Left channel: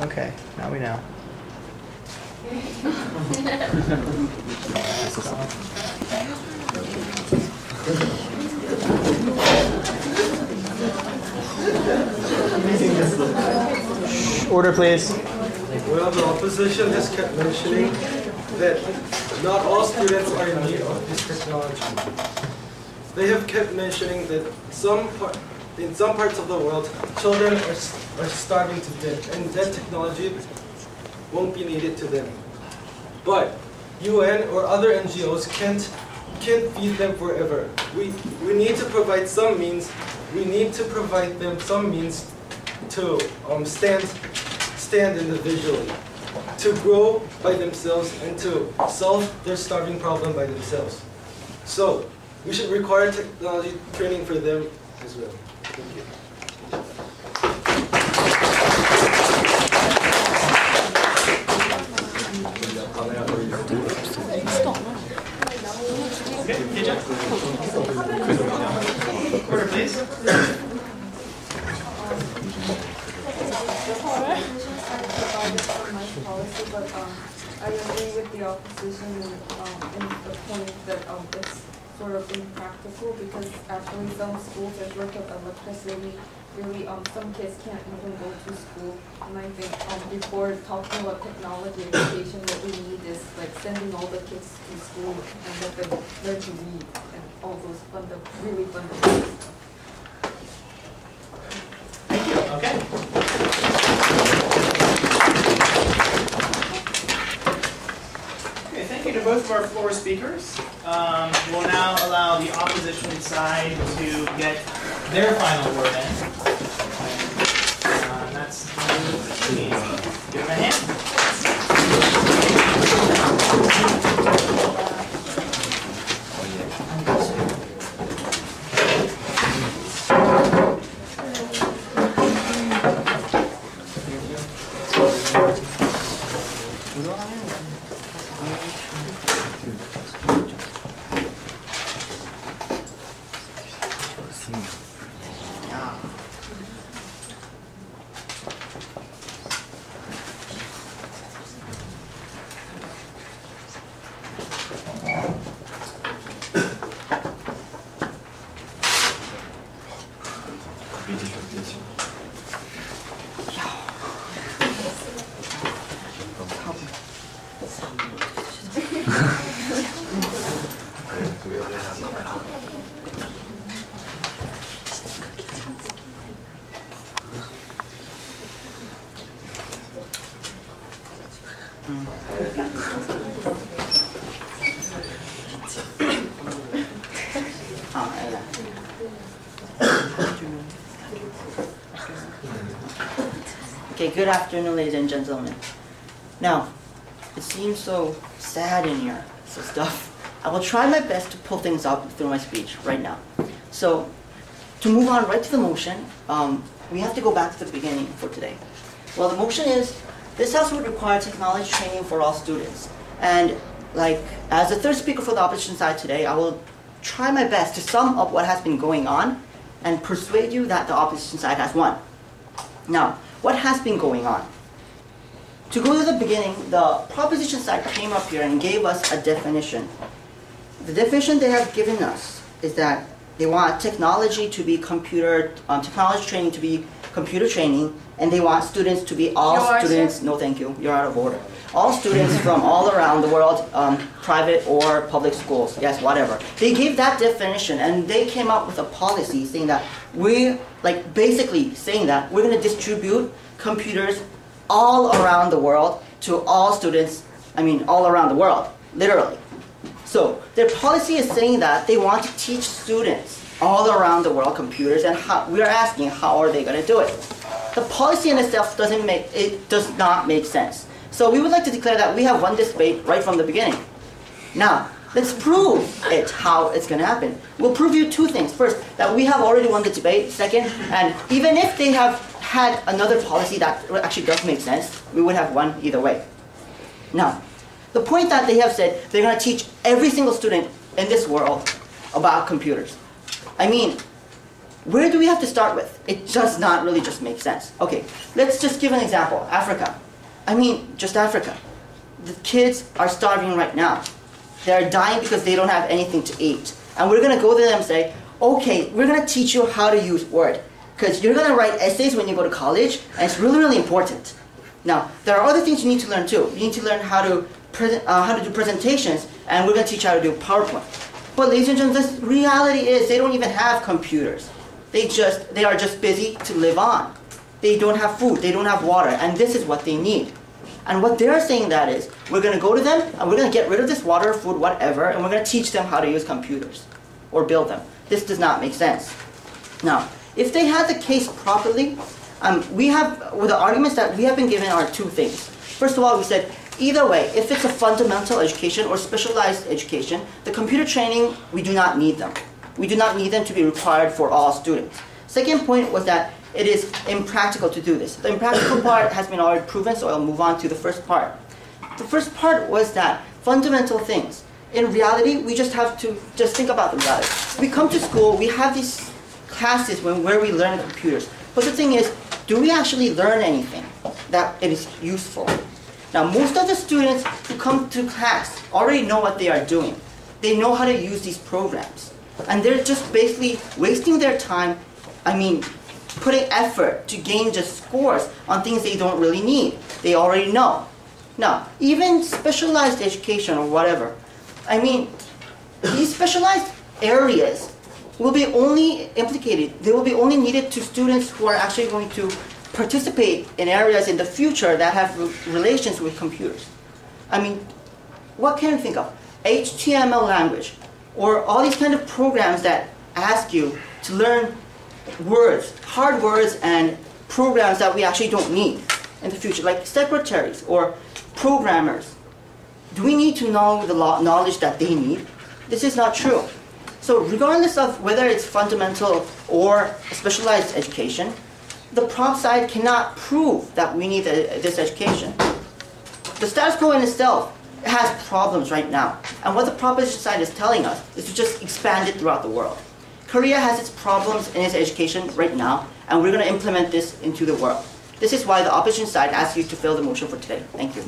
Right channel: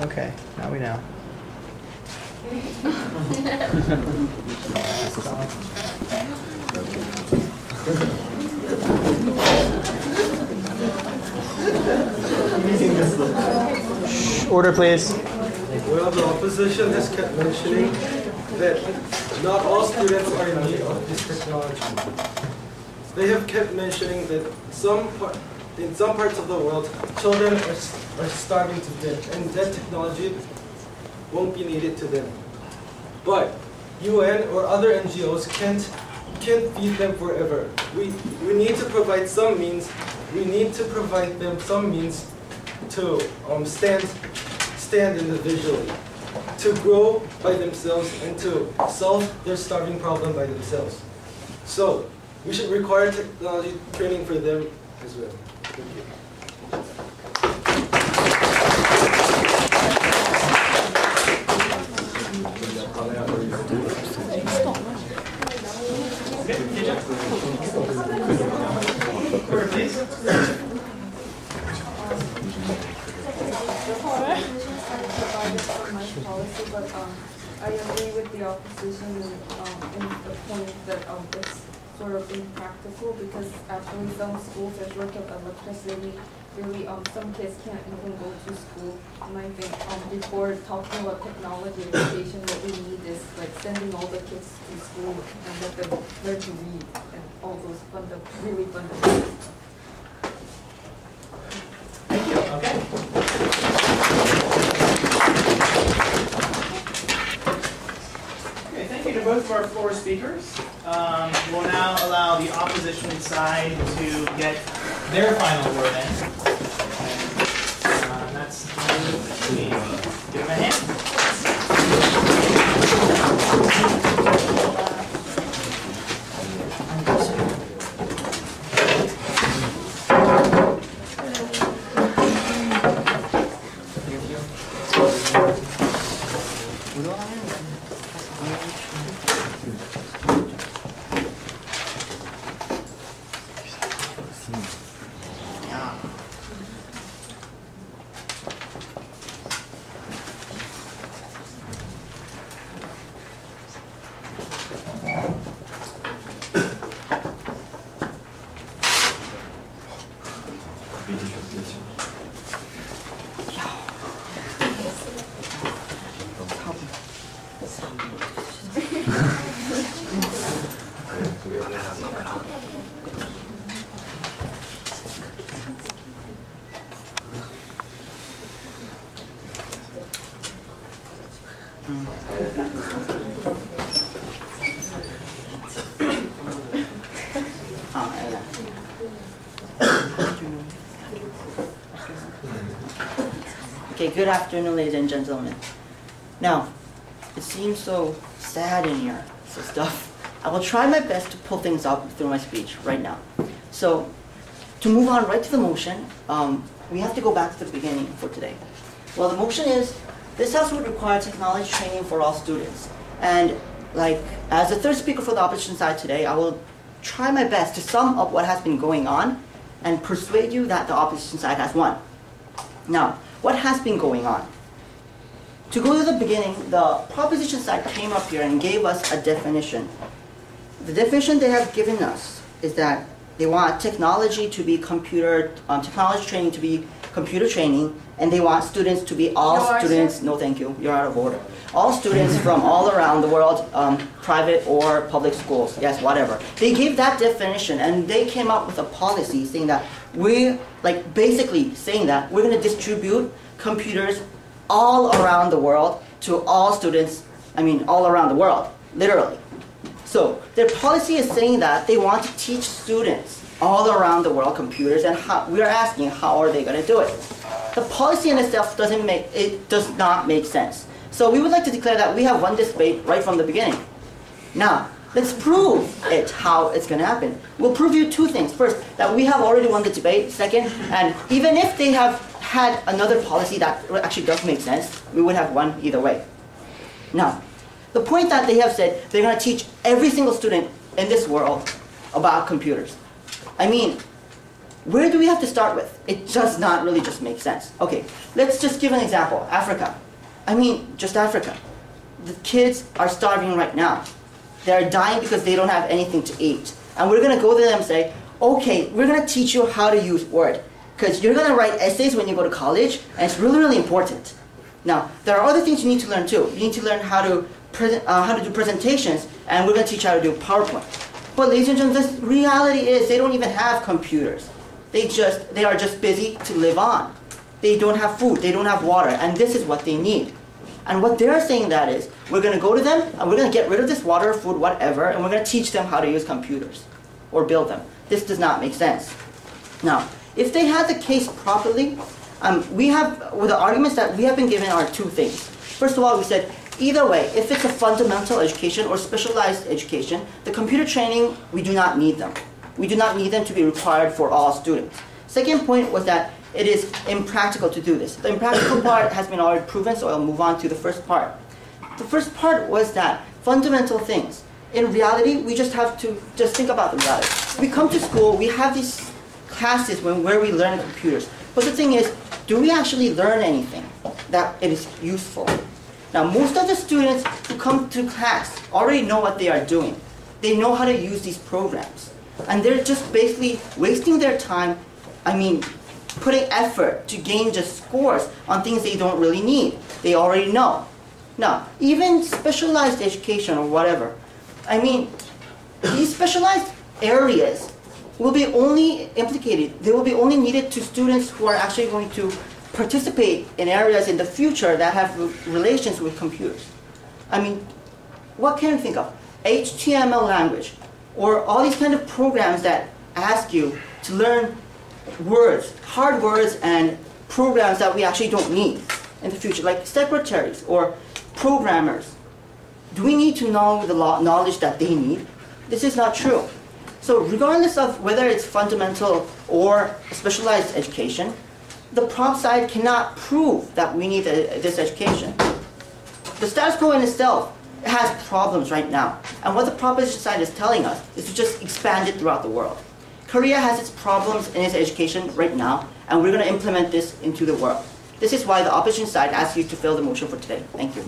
Okay, now we know. Order, please. Well, the opposition has kept mentioning that not all students are in need of this technology. They have kept mentioning that in some parts of the world, children are starving to death, and that technology won't be needed to them. But UN or other NGOs can't feed them forever. We need to provide some means. We need to provide them some means to stand individually, to grow by themselves, and to solve their starving problem by themselves. So we should require technology training for them as well. Thank you. Order, please. Policy, but I agree with the opposition in the point that it's sort of impractical, because actually some schools are short of electricity. Really, some kids can't even go to school. And I think before talking about technology education, what we need is like sending all the kids to school and let them learn to read and all those really fundamental stuff. Thank you. Okay. Okay, thank you to both of our floor speakers. We'll now allow the opposition side to get their final word in. That's give them a hand. Okay, good afternoon, ladies and gentlemen. Now, it seems so sad in here, so stuff. I will try my best to pull things up through my speech right now. So, to move on right to the motion, we have to go back to the beginning for today. Well, the motion is, this house would require technology training for all students. And as the third speaker for the opposition side today, I will try my best to sum up what has been going on and persuade you that the opposition side has won. Now, what has been going on? To go to the beginning, the proposition side came up here and gave us a definition. The definition they have given us is that they want technology to be technology training to be computer training, and they want students to be all students. No, thank you. You're out of order. All students from all around the world, private or public schools. Yes, whatever. They gave that definition, and they came up with a policy saying that basically saying that we're going to distribute computers all around the world to all students. All around the world, literally. So their policy is saying that they want to teach students all around the world computers, and we are asking how are they going to do it. The policy in itself does not make sense. So we would like to declare that we have won this debate right from the beginning. Now, let's prove how it's going to happen. We'll prove you two things. First, that we have already won the debate. Second, and even if they have had another policy that actually does make sense, we would have won either way. Now, the point that they have said they're going to teach every single student in this world about computers. where do we have to start with? It does not really just make sense. Okay, let's just give an example. Africa. I mean, just Africa. The kids are starving right now. They're dying because they don't have anything to eat. And we're going to go to them and say, okay, we're going to teach you how to use Word. Because you're going to write essays when you go to college, and it's really, really important. Now, there are other things you need to learn too. You need to learn how to do presentations, and we're going to teach you how to do PowerPoint. But ladies and gentlemen, the reality is they don't even have computers. They are just busy to live on. They don't have food, they don't have water, and this is what they need. And what they're saying that is, we're going to go to them, and we're going to get rid of this water, food, whatever, and we're going to teach them how to use computers or build them. This does not make sense. Now, if they had the case properly, the arguments that we have been given are two things. First of all, we said, either way, if it's a fundamental education or specialized education, the computer training, we do not need them. We do not need them to be required for all students. Second point was that it is impractical to do this. The impractical part has been already proven, so I'll move on to the first part. The first part was that fundamental things. In reality, we just have to think about the reality. We come to school, we have these classes where we learn computers. But the thing is, do we actually learn anything that it is useful? Now, most of the students who come to class already know what they are doing. They know how to use these programs. And they're just basically wasting their time, putting effort to gain just scores on things they don't really need. They already know. Now, even specialized education or whatever, these specialized areas will be only implicated, they will be only needed to students who are actually going to participate in areas in the future that have relations with computers. What can you think of? HTML language, or all these kind of programs that ask you to learn words, hard words and programs that we actually don't need in the future, like secretaries or programmers. Do we need to know the knowledge that they need? This is not true. So regardless of whether it's fundamental or specialized education, the prop side cannot prove that we need this education. The status quo in itself has problems right now. And what the proposition side is telling us is to just expand it throughout the world. Korea has its problems in its education right now, and we're going to implement this into the world. This is why the opposition side asks you to fill the motion for today. Thank you.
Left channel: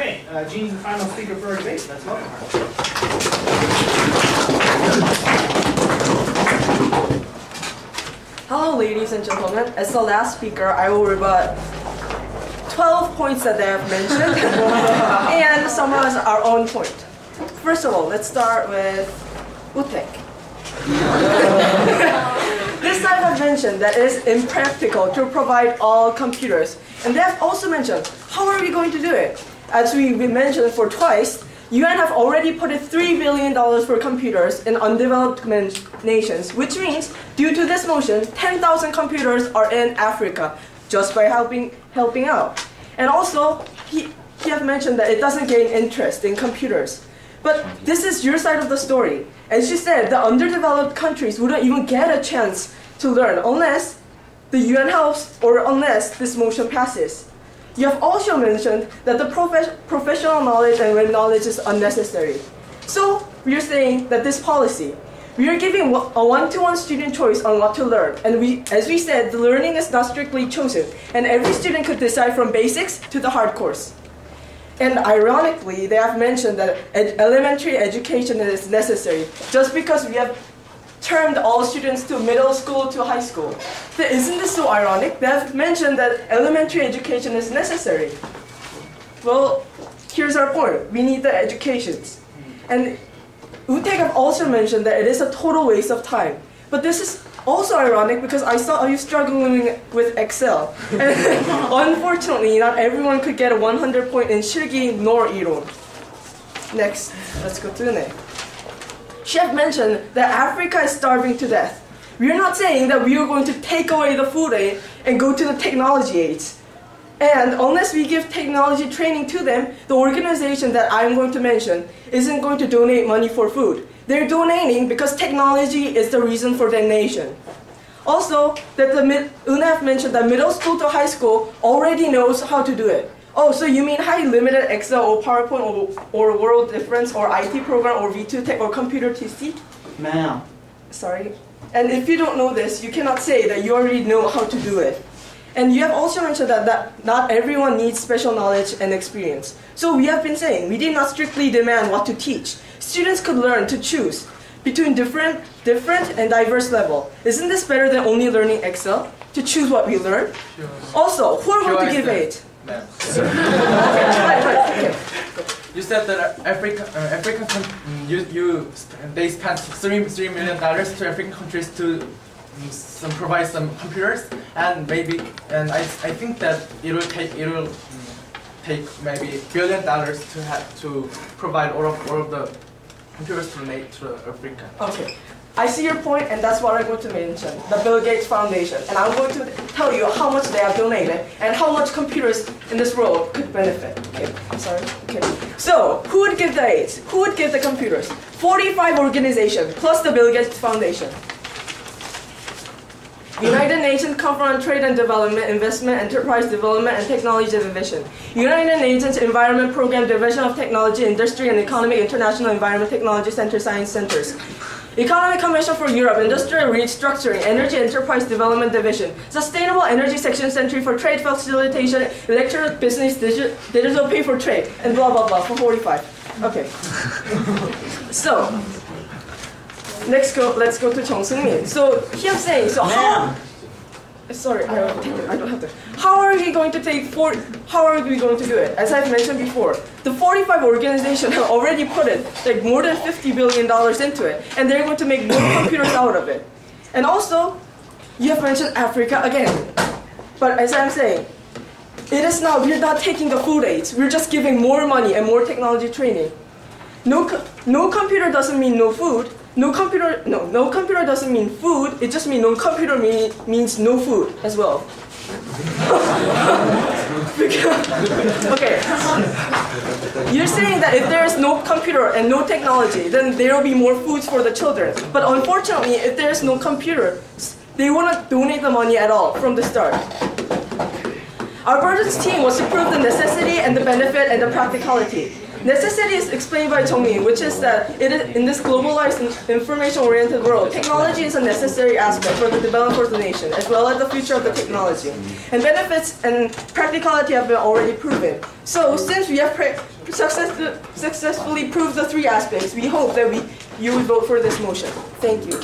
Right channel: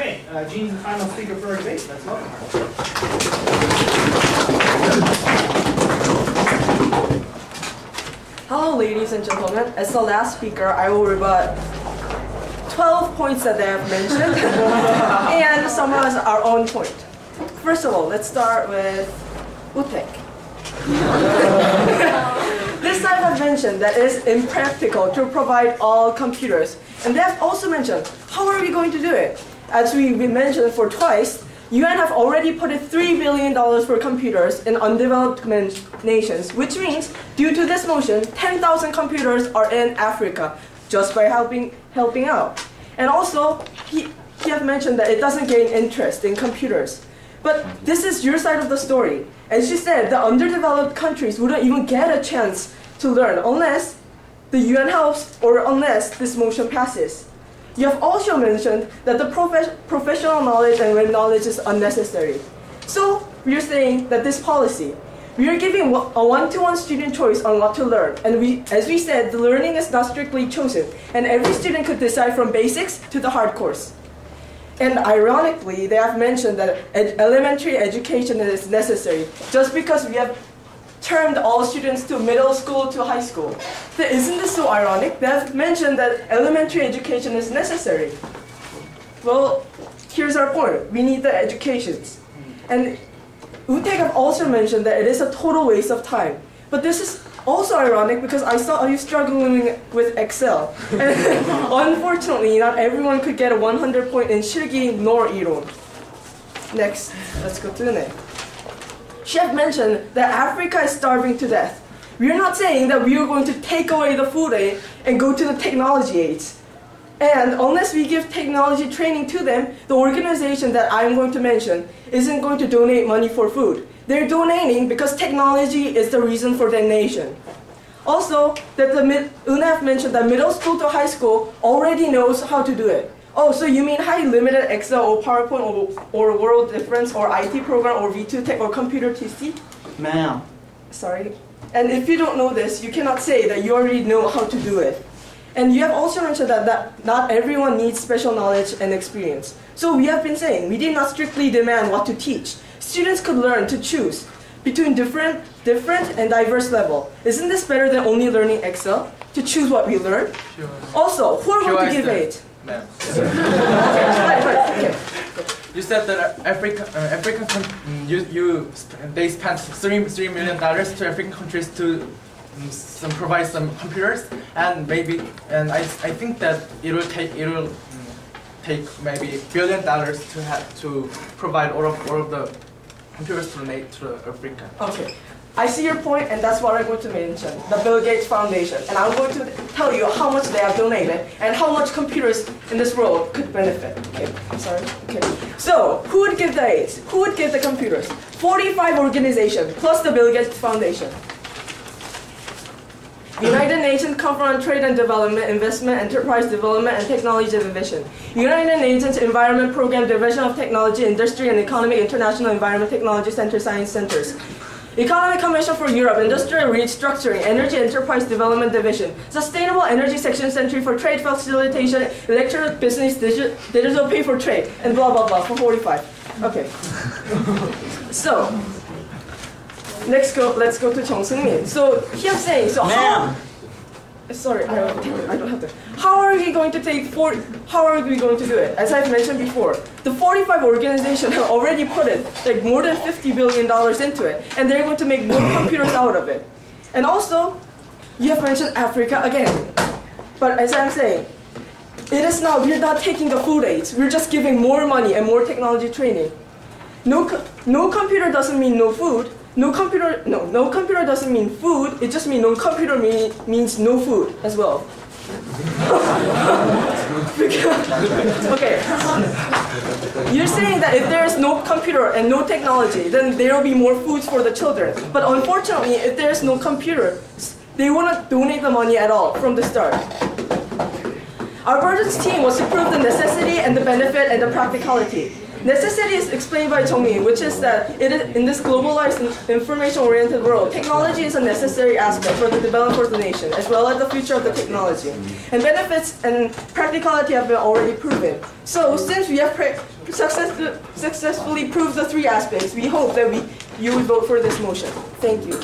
Okay, Gene's the final speaker for our debate. Let's welcome her. Hello, ladies and gentlemen. As the last speaker, I will rebut 12 points that they have mentioned and summarize our own point. First of all, let's start with Utek. This side have mentioned that it is impractical to provide all computers. And they have also mentioned, how are we going to do it? As we mentioned for twice, UN have already put in $3 billion for computers in undeveloped nations, which means, due to this motion, 10,000 computers are in Africa, just by helping out. And also, he have mentioned that it doesn't gain interest in computers. But this is your side of the story. As she said, the underdeveloped countries wouldn't even get a chance to learn unless the UN helps or unless this motion passes. You have also mentioned that the professional knowledge and web knowledge is unnecessary. So we are saying that this policy, we are giving a one-to-one student choice on what to learn. And as we said, the learning is not strictly chosen. And every student could decide from basics to the hard course. And ironically, they have mentioned that elementary education is necessary just because we have termed all students to middle school to high school. Isn't this so ironic? They have mentioned that elementary education is necessary. Well, here's our point. We need the educations. And Utek have also mentioned that it is a total waste of time. But this is also ironic because I saw you struggling with Excel. And unfortunately, not everyone could get a 100 point in 실기 nor 이론. Next, let's go to the next. Chef mentioned that Africa is starving to death. We are not saying that we are going to take away the food aid and go to the technology aids. And unless we give technology training to them, the organization that I'm going to mention isn't going to donate money for food. They're donating because technology is the reason for their nation. Also, that UNEF mentioned that middle school to high school already knows how to do it. Oh, so you mean highly limited Excel or PowerPoint or World Difference or IT program or V2 Tech or Computer TC? Ma'am. Sorry. And if you don't know this, you cannot say that you already know how to do it. And you have also mentioned that not everyone needs special knowledge and experience. So we have been saying we did not strictly demand what to teach. Students could learn to choose between different and diverse level. Isn't this better than only learning Excel? To choose what we learn? Sure. Also, who are going to give aid? Ma'am. Okay. You said that they spent $3 million to African countries to provide some computers, and I think that it will take maybe $1 billion to provide all of the computers to Africa. Okay. I see your point, and that's what I'm going to mention, the Bill Gates Foundation. And I'm going to tell you how much they have donated and how much computers in this world could benefit. Okay, sorry. Okay. So, who would give the aids? Who would give the computers? 45 organizations, plus the Bill Gates Foundation. United Nations Conference on Trade and Development, Investment, Enterprise Development, and Technology Division. United Nations Environment Program, Division of Technology, Industry, and Economy, International Environment Technology Center, Science Centers. Economic Commission for Europe, Industrial Restructuring, Energy Enterprise Development Division, Sustainable Energy Section Center for Trade Facilitation, Electronic Business, Digital Pay for Trade, and blah blah blah for 45. Okay. So, let's go to Chung Seung-min. So he was saying, so how? Sorry, I don't have to. How are we going to do it? As I've mentioned before, the 45 organizations have already put it like more than $50 billion into it, and they're going to make more computers out of it. And also, you have mentioned Africa again. But as I'm saying, we're not taking the food aids. We're just giving more money and more technology training. No computer doesn't mean no food. No computer doesn't mean food. It just means no computer means no food as well. Okay. You're saying that if there is no computer and no technology, then there will be more foods for the children. But unfortunately, if there is no computer, they won't donate the money at all from the start. Our budget's team was to prove the necessity and the benefit and the practicality. Necessity is explained by Jong-min, which is that in this globalized, information-oriented world, technology is a necessary aspect for the development of the nation, as well as the future of the technology. And benefits and practicality have been already proven. So, since we have successfully proved the three aspects, we hope that you will vote for this motion. Thank you.